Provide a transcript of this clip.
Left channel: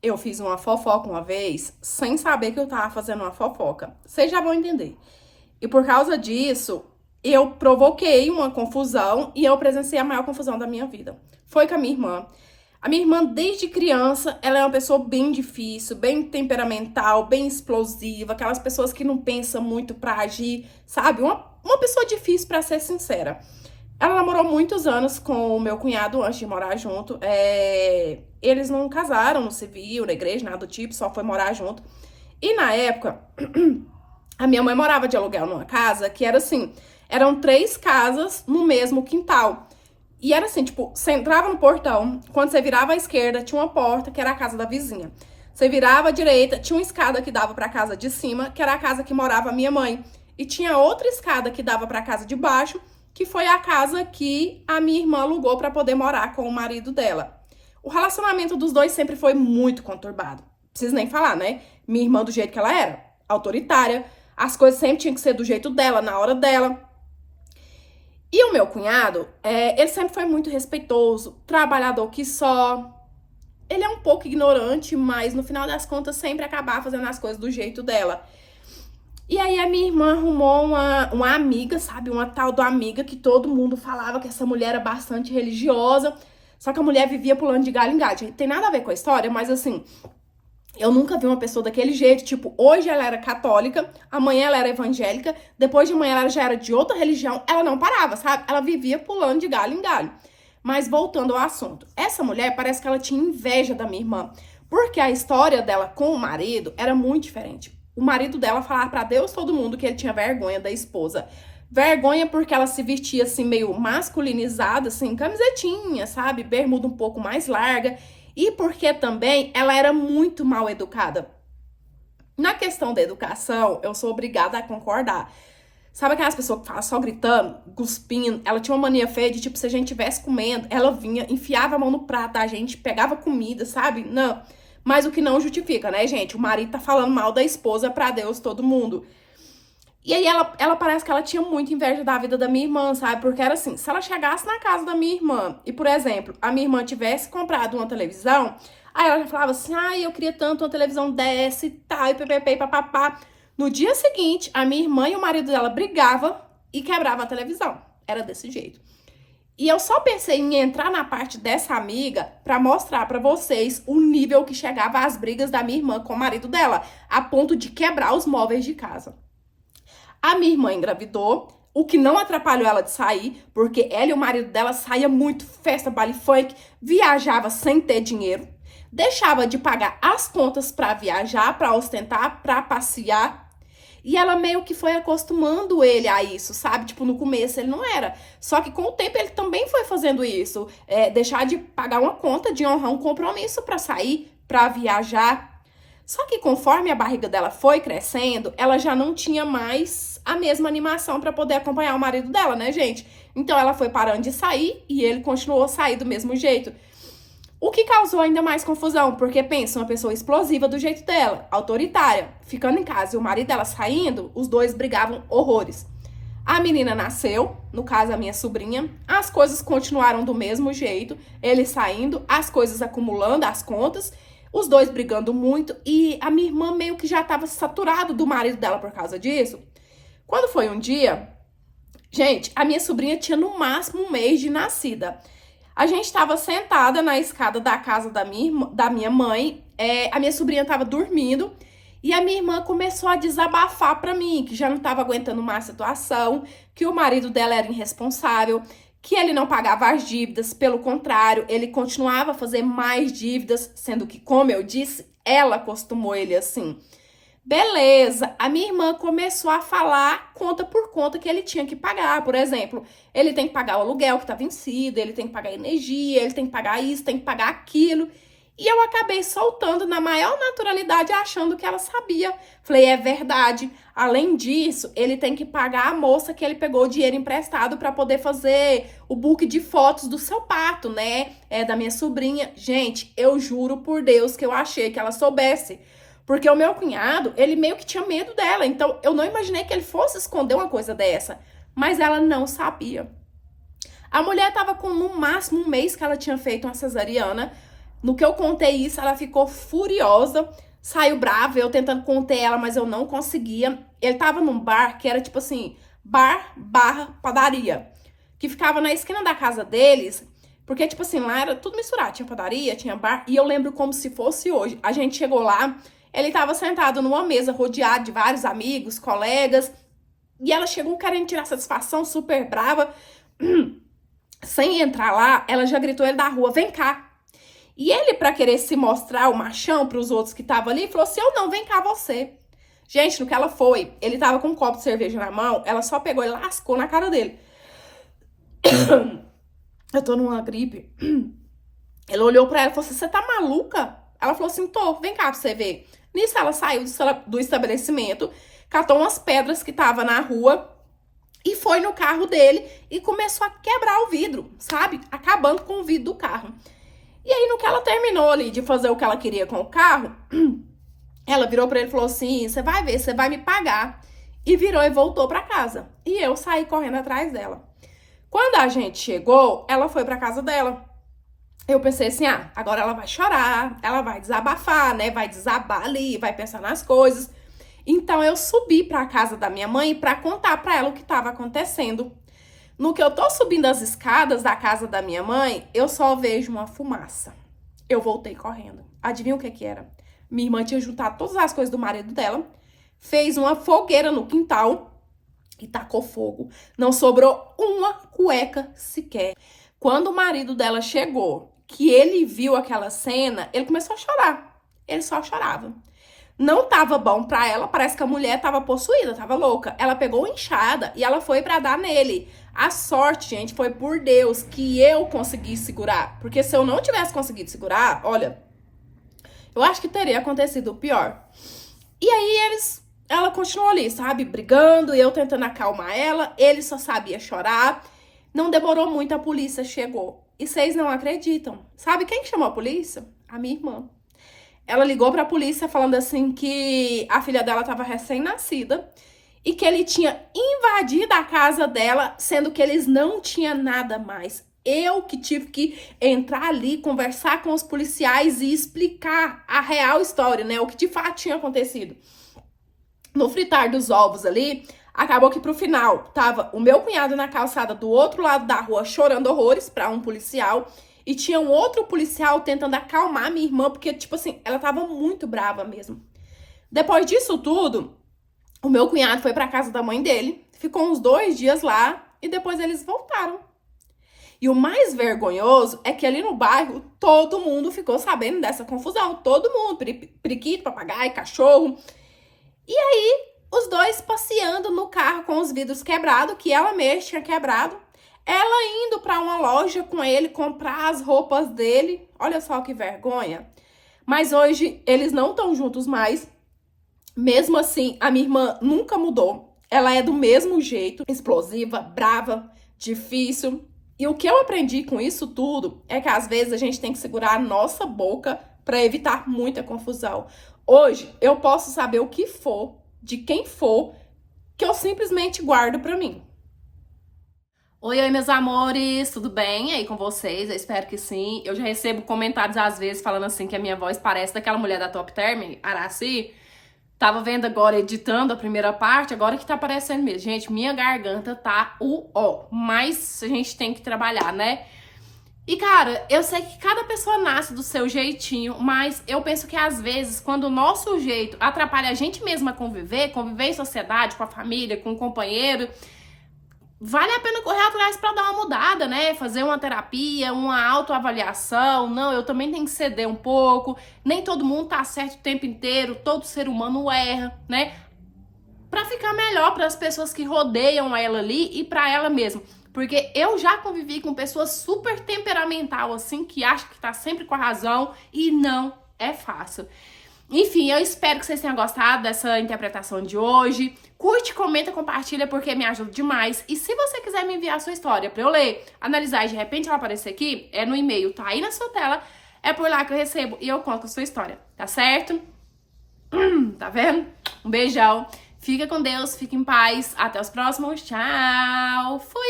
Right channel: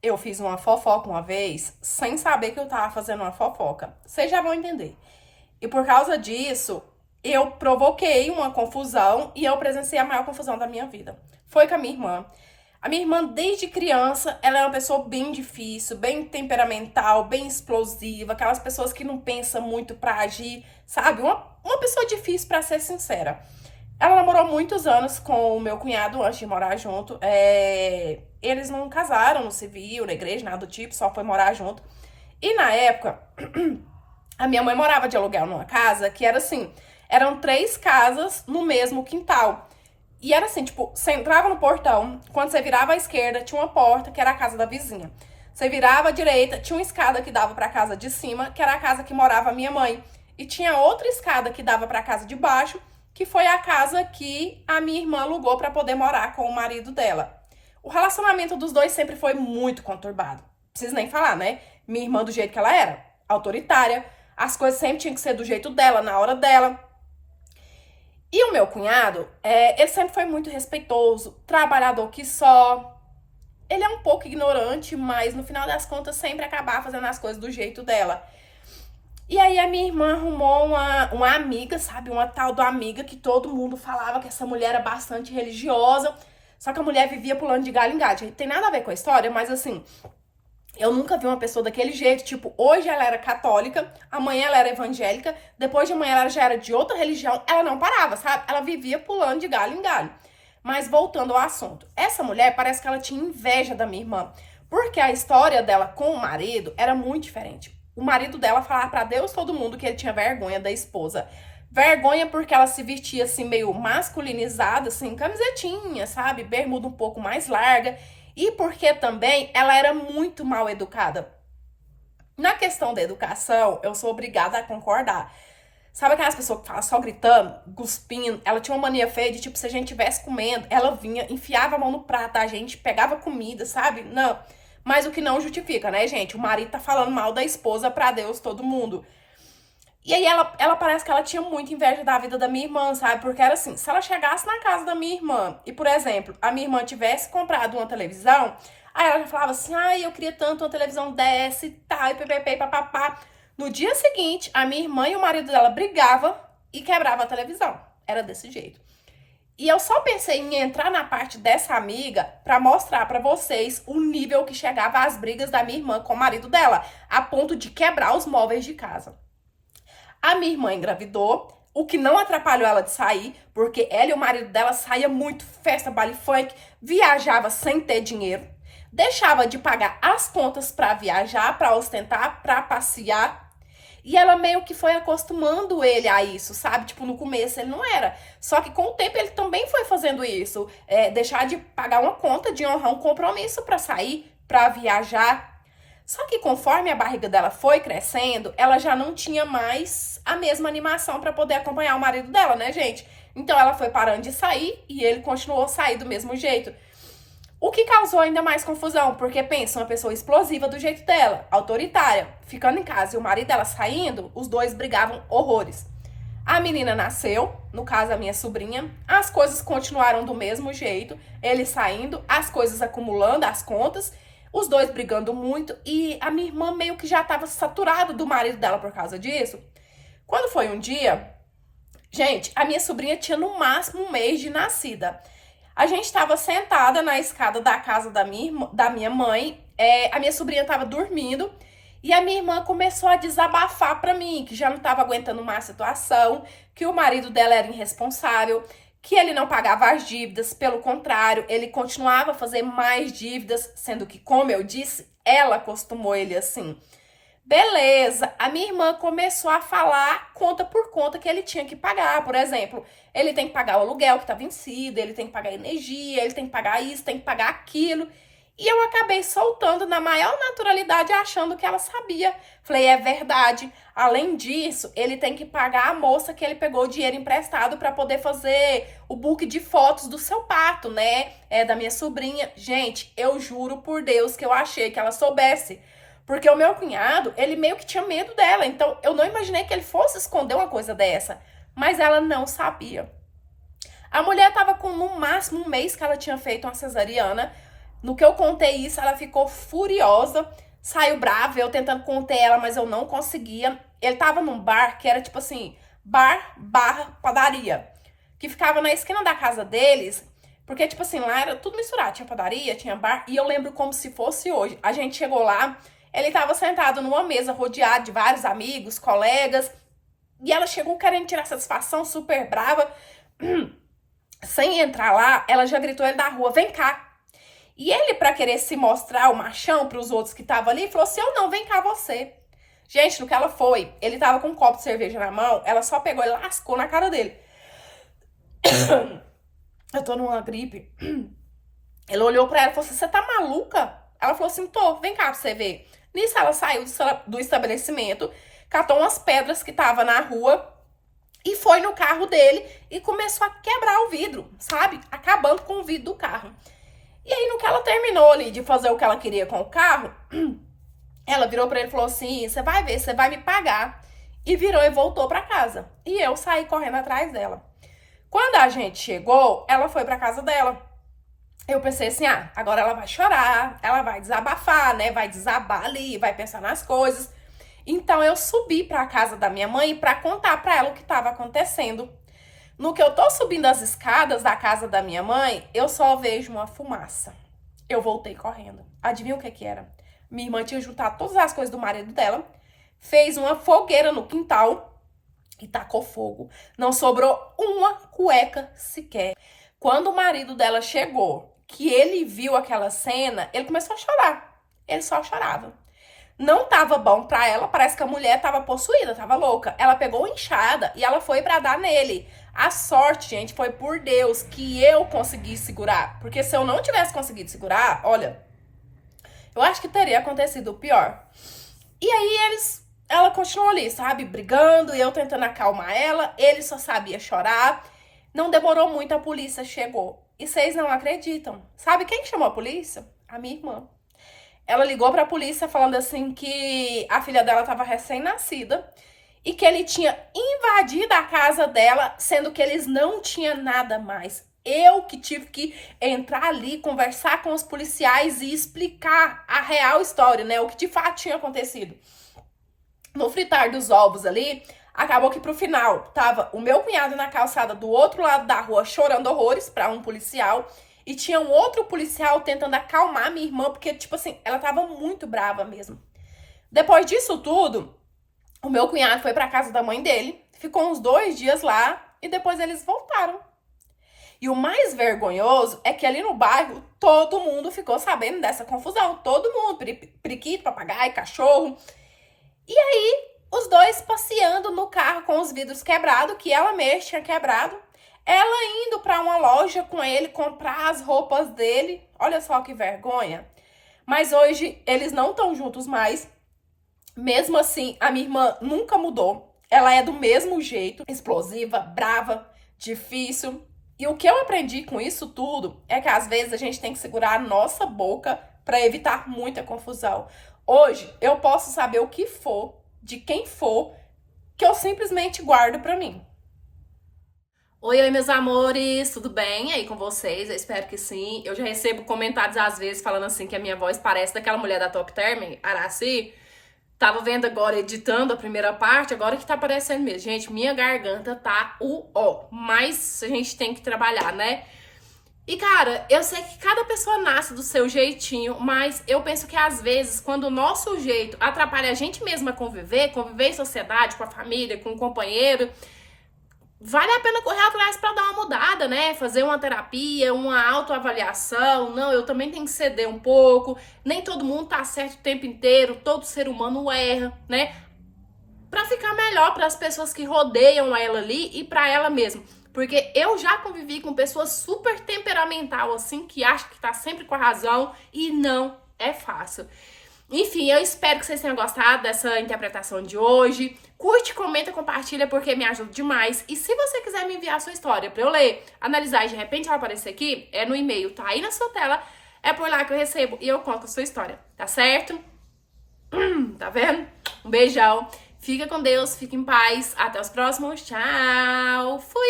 Eu fiz uma fofoca uma vez sem saber que eu tava fazendo uma fofoca. Vocês já vão entender. E por causa disso, eu provoquei uma confusão e eu presenciei a maior confusão da minha vida. Foi com a minha irmã. A minha irmã, desde criança, ela é uma pessoa bem difícil, bem temperamental, bem explosiva, aquelas pessoas que não pensam muito pra agir, sabe? Uma pessoa difícil, pra ser sincera. Ela namorou muitos anos com o meu cunhado antes de morar junto. Eles não casaram no civil, na igreja, nada do tipo, só foi morar junto. E na época, a minha mãe morava de aluguel numa casa que era assim, eram três casas no mesmo quintal. E era assim, tipo, você entrava no portão, quando você virava à esquerda, tinha uma porta, que era a casa da vizinha. Você virava à direita, tinha uma escada que dava pra casa de cima, que era a casa que morava a minha mãe. E tinha outra escada que dava pra casa de baixo, que foi a casa que a minha irmã alugou pra poder morar com o marido dela. O relacionamento dos dois sempre foi muito conturbado. Preciso nem falar, né? Minha irmã do jeito que ela era, autoritária, as coisas sempre tinham que ser do jeito dela, na hora dela. E o meu cunhado, ele sempre foi muito respeitoso, trabalhador que só. Ele é um pouco ignorante, mas no final das contas sempre acabava fazendo as coisas do jeito dela. E aí a minha irmã arrumou uma amiga, sabe? Uma tal da amiga que todo mundo falava que essa mulher era bastante religiosa. Só que a mulher vivia pulando de galho em galho. Tem nada a ver com a história, mas assim, eu nunca vi uma pessoa daquele jeito. Tipo, hoje ela era católica, amanhã ela era evangélica, depois de amanhã ela já era de outra religião. Ela não parava, sabe? Ela vivia pulando de galho em galho. Mas voltando ao assunto, essa mulher parece que ela tinha inveja da minha irmã, porque a história dela com o marido era muito diferente. O marido dela falava pra Deus todo mundo que ele tinha vergonha da esposa. Vergonha porque ela se vestia assim meio masculinizada, assim, camisetinha, sabe? Bermuda um pouco mais larga. E porque também ela era muito mal educada. Na questão da educação, eu sou obrigada a concordar. Sabe aquelas pessoas que falam só gritando, cuspindo? Ela tinha uma mania feia de, tipo, se a gente estivesse comendo, ela vinha, enfiava a mão no prato da gente, pegava comida, sabe? Não. Mas o que não justifica, né, gente? O marido tá falando mal da esposa pra Deus, todo mundo. E aí ela parece que ela tinha muita inveja da vida da minha irmã, sabe? Porque era assim, se ela chegasse na casa da minha irmã e, por exemplo, a minha irmã tivesse comprado uma televisão, aí ela já falava assim, ai, eu queria tanto uma televisão dessa e tal, e ppp, papapá. No dia seguinte, a minha irmã e o marido dela brigavam e quebrava a televisão. Era desse jeito. E eu só pensei em entrar na parte dessa amiga pra mostrar pra vocês o nível que chegava as brigas da minha irmã com o marido dela, a ponto de quebrar os móveis de casa. A minha irmã engravidou, o que não atrapalhou ela de sair, porque ela e o marido dela saía muito, festa, baile funk, viajava sem ter dinheiro, deixava de pagar as contas pra viajar, pra ostentar, pra passear. E ela meio que foi acostumando ele a isso, sabe? Tipo, no começo ele não era. Só que com o tempo ele também foi fazendo isso. Deixar de pagar uma conta, de honrar um compromisso pra sair, pra viajar. Só que conforme a barriga dela foi crescendo, ela já não tinha mais a mesma animação para poder acompanhar o marido dela, né, gente? Então ela foi parando de sair e ele continuou a sair do mesmo jeito. O que causou ainda mais confusão, porque pensa, uma pessoa explosiva do jeito dela, autoritária, ficando em casa e o marido dela saindo, os dois brigavam horrores. A menina nasceu, no caso a minha sobrinha, as coisas continuaram do mesmo jeito, ele saindo, as coisas acumulando, as contas, os dois brigando muito e a minha irmã meio que já estava saturada do marido dela por causa disso. Quando foi um dia, gente, a minha sobrinha tinha no máximo um mês de nascida. A gente estava sentada na escada da casa da minha mãe, a minha sobrinha estava dormindo e a minha irmã começou a desabafar para mim, que já não estava aguentando mais a situação, que o marido dela era irresponsável, que ele não pagava as dívidas, pelo contrário, ele continuava a fazer mais dívidas, sendo que, como eu disse, ela acostumou ele assim. Beleza, a minha irmã começou a falar conta por conta que ele tinha que pagar. Por exemplo, ele tem que pagar o aluguel que tá vencido, ele tem que pagar a energia, ele tem que pagar isso, tem que pagar aquilo. E eu acabei soltando na maior naturalidade, achando que ela sabia. Falei, é verdade. Além disso, ele tem que pagar a moça que ele pegou o dinheiro emprestado para poder fazer o book de fotos do seu parto, né? Da minha sobrinha. Gente, eu juro por Deus que eu achei que ela soubesse. Porque o meu cunhado, ele meio que tinha medo dela. Então, eu não imaginei que ele fosse esconder uma coisa dessa. Mas ela não sabia. A mulher tava com no máximo um mês que ela tinha feito uma cesariana. No que eu contei isso, ela ficou furiosa, saiu brava, eu tentando conter ela, mas eu não conseguia. Ele tava num bar que era tipo assim, bar barra padaria, que ficava na esquina da casa deles, porque tipo assim, lá era tudo misturado, tinha padaria, tinha bar, e eu lembro como se fosse hoje. A gente chegou lá, ele tava sentado numa mesa, rodeado de vários amigos, colegas, e ela chegou querendo tirar satisfação, super brava. Sem entrar lá, ela já gritou ele da rua, vem cá. E ele, pra querer se mostrar o machão pros outros que estavam ali, falou assim, eu não, vem cá você. Gente, no que ela foi, ele tava com um copo de cerveja na mão, ela só pegou e lascou na cara dele. Eu tô numa gripe. Ele olhou pra ela e falou assim, você tá maluca? Ela falou assim, tô, vem cá pra você ver. Nisso ela saiu do estabelecimento, catou umas pedras que tava na rua e foi no carro dele e começou a quebrar o vidro, sabe? Acabando com o vidro do carro. E aí, no que ela terminou ali de fazer o que ela queria com o carro, ela virou pra ele e falou assim, você vai ver, você vai me pagar. E virou e voltou pra casa. E eu saí correndo atrás dela. Quando a gente chegou, ela foi pra casa dela. Eu pensei assim, ah, agora ela vai chorar, ela vai desabafar, né? Vai desabar ali, vai pensar nas coisas. Então, eu subi pra casa da minha mãe pra contar pra ela o que tava acontecendo. No que eu tô subindo as escadas da casa da minha mãe, eu só vejo uma fumaça. Eu voltei correndo. Adivinha o que que era? Minha irmã tinha juntado todas as coisas do marido dela, fez uma fogueira no quintal e tacou fogo. Não sobrou uma cueca sequer. Quando o marido dela chegou, que ele viu aquela cena, ele começou a chorar. Ele só chorava. Não tava bom pra ela, parece que a mulher tava possuída, tava louca. Ela pegou a enxada e ela foi pra dar nele. A sorte, gente, foi por Deus que eu consegui segurar. Porque se eu não tivesse conseguido segurar, olha, eu acho que teria acontecido o pior. E aí ela continuou ali, sabe, brigando e eu tentando acalmar ela. Ele só sabia chorar. Não demorou muito, a polícia chegou. E vocês não acreditam. Sabe quem chamou a polícia? A minha irmã. Ela ligou pra polícia falando assim que a filha dela estava recém-nascida e que ele tinha invadido a casa dela, sendo que eles não tinham nada mais. Eu que tive que entrar ali, conversar com os policiais e explicar a real história, né? O que de fato tinha acontecido. No fritar dos ovos ali, acabou que pro final tava o meu cunhado na calçada do outro lado da rua chorando horrores pra um policial. E tinha um outro policial tentando acalmar minha irmã, porque, tipo assim, ela tava muito brava mesmo. Depois disso tudo, o meu cunhado foi pra casa da mãe dele, ficou uns 2 dias lá e depois eles voltaram. E o mais vergonhoso é que ali no bairro, todo mundo ficou sabendo dessa confusão. Todo mundo, periquito, papagaio, cachorro. E aí, os dois passeando no carro com os vidros quebrados, que ela mesma tinha quebrado. Ela indo pra uma loja com ele comprar as roupas dele. Olha só que vergonha. Mas hoje eles não estão juntos mais. Mesmo assim, a minha irmã nunca mudou. Ela é do mesmo jeito, explosiva, brava, difícil. E o que eu aprendi com isso tudo é que às vezes a gente tem que segurar a nossa boca para evitar muita confusão. Hoje eu posso saber o que for, de quem for, que eu simplesmente guardo pra mim. Oi, meus amores, tudo bem aí com vocês? Eu espero que sim. Eu já recebo comentários às vezes falando assim que a minha voz parece daquela mulher da Top Term, Araci. Tava vendo agora, editando a primeira parte, agora que tá aparecendo mesmo. Gente, minha garganta tá mas a gente tem que trabalhar, né? E, cara, eu sei que cada pessoa nasce do seu jeitinho, mas eu penso que às vezes, quando o nosso jeito atrapalha a gente mesma conviver em sociedade, com a família, com o companheiro, vale a pena correr atrás pra dar uma mudada, né? Fazer uma terapia, uma autoavaliação. Não, eu também tenho que ceder um pouco. Nem todo mundo tá certo o tempo inteiro, todo ser humano erra, né? Pra ficar melhor para as pessoas que rodeiam ela ali e pra ela mesma. Porque eu já convivi com pessoas super temperamental, assim, que acham que tá sempre com a razão e não é fácil. Enfim, eu espero que vocês tenham gostado dessa interpretação de hoje. Curte, comenta, compartilha, porque me ajuda demais. E se você quiser me enviar a sua história pra eu ler, analisar e de repente ela aparecer aqui, é no e-mail, tá aí na sua tela. É por lá que eu recebo e eu conto a sua história, tá certo? Tá vendo? Um beijão. Fica com Deus, fica em paz. Até os próximos. Tchau. Fui!